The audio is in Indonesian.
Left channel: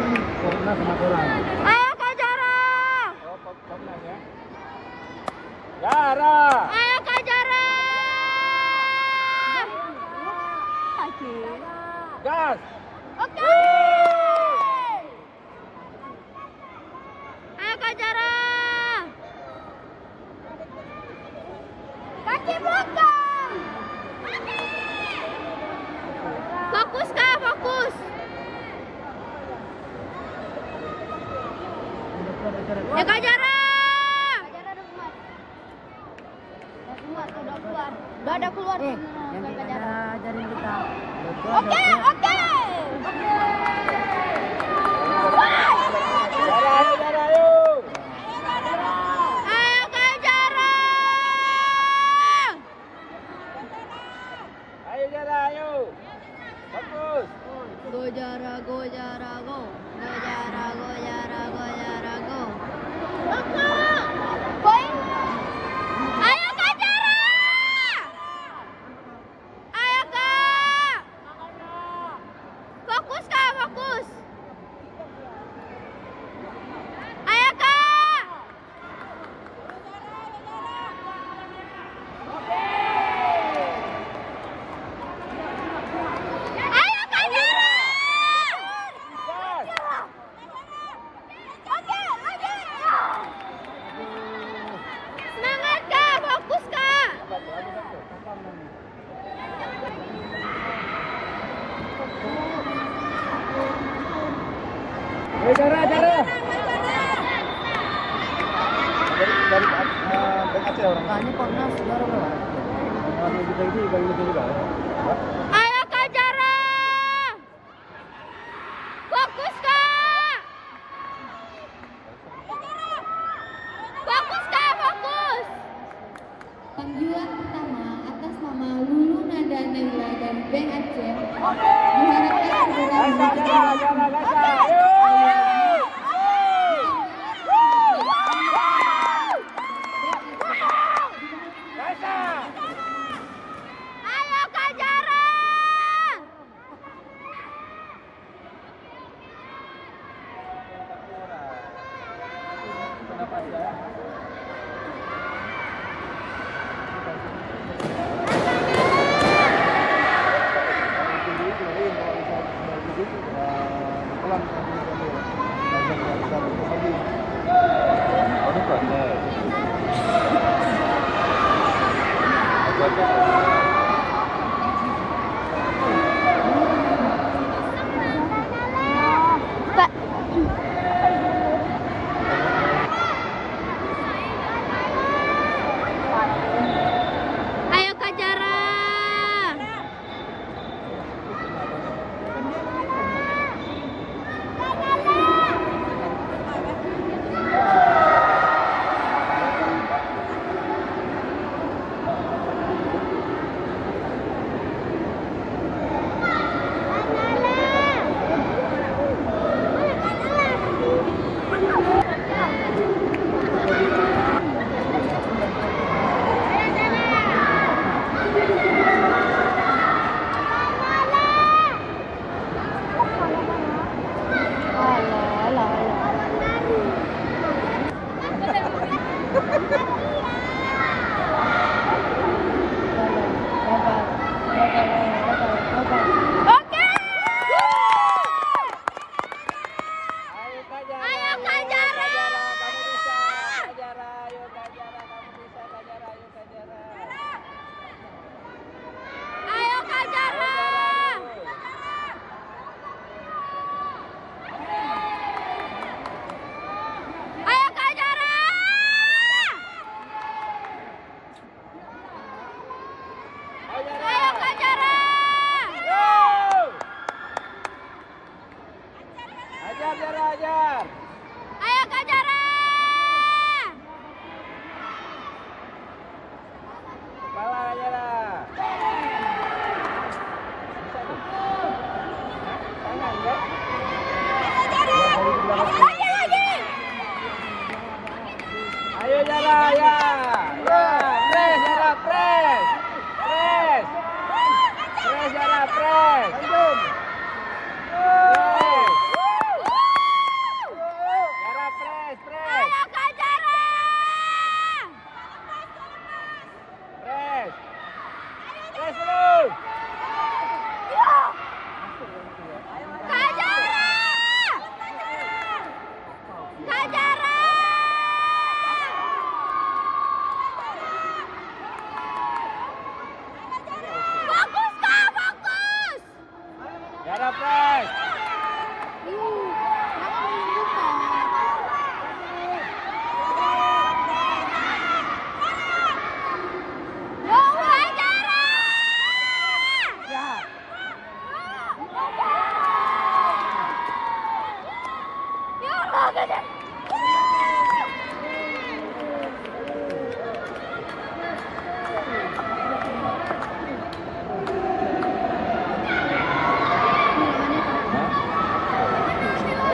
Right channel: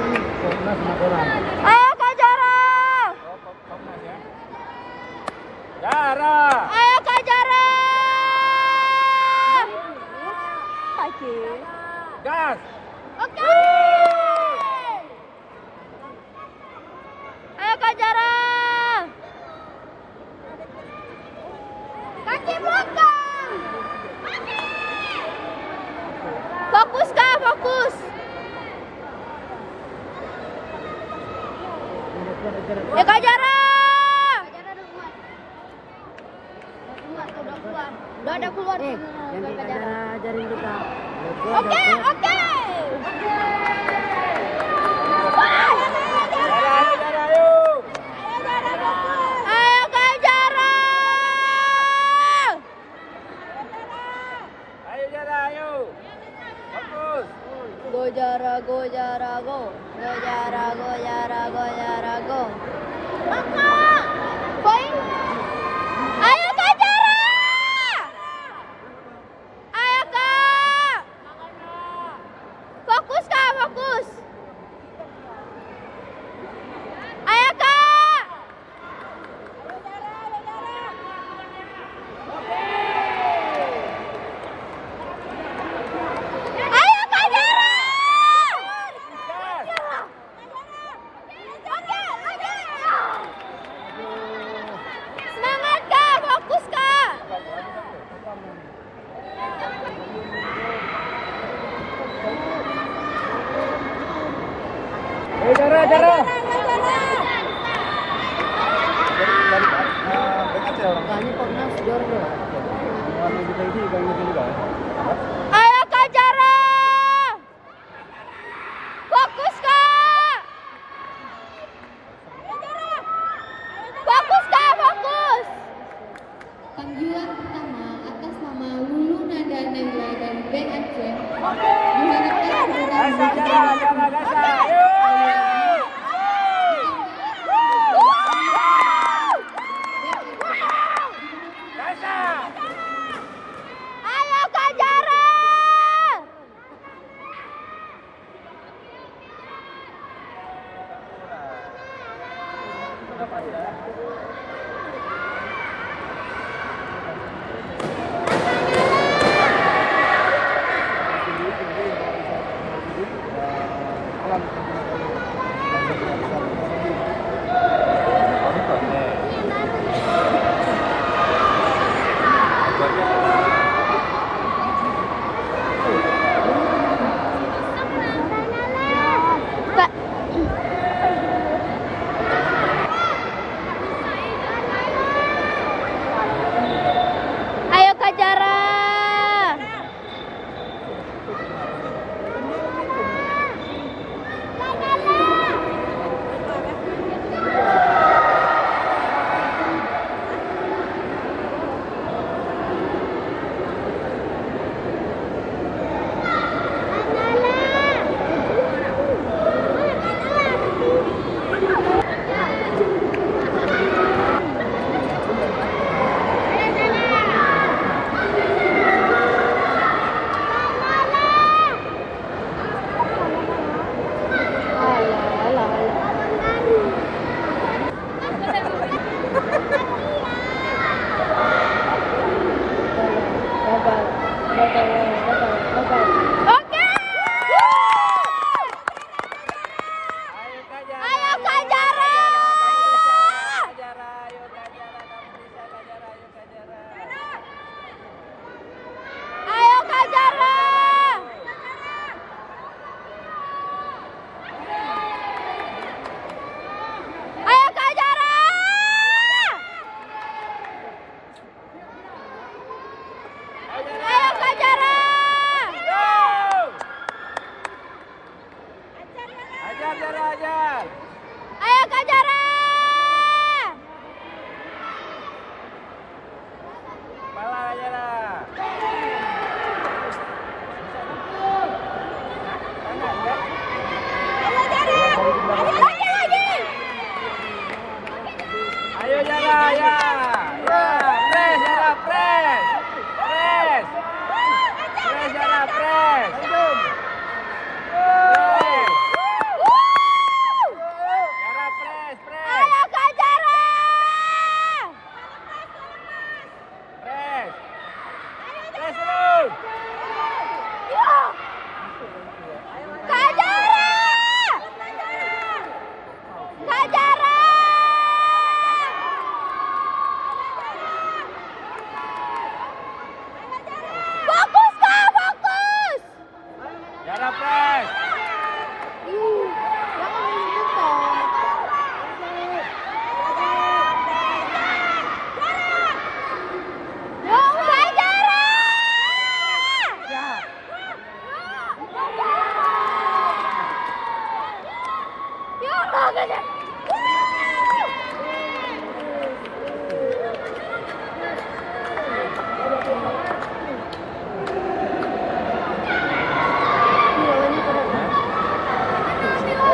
Ayo Kak Jara. Ayo Kak Jara. Oke. Oke. Ayo Kak Jara. Kaki belakang. Fokus Kak, fokus. Ya Kak Jara. Gak ada keluar. Yang Kak Jara ajarin kita. Oke, oke. Ayo Kak Jara. Go Jara, go Jara, go. Go Jara, go Jara, go Jara, go. Poin. Ayo Kak Jara. Ayo Kak. Fokus Kak, fokus. Ayo Kak. Ayo Kak Jara. Semangat Kak, fokus Kak. Banyak panas di orang lewat. Ayo Kak Jara. Fokus Kak. Fokus Kak, fokus. Tinjuan pertama atas nama Lulu Nada Nela dari BFC. Ayo Kak Jara.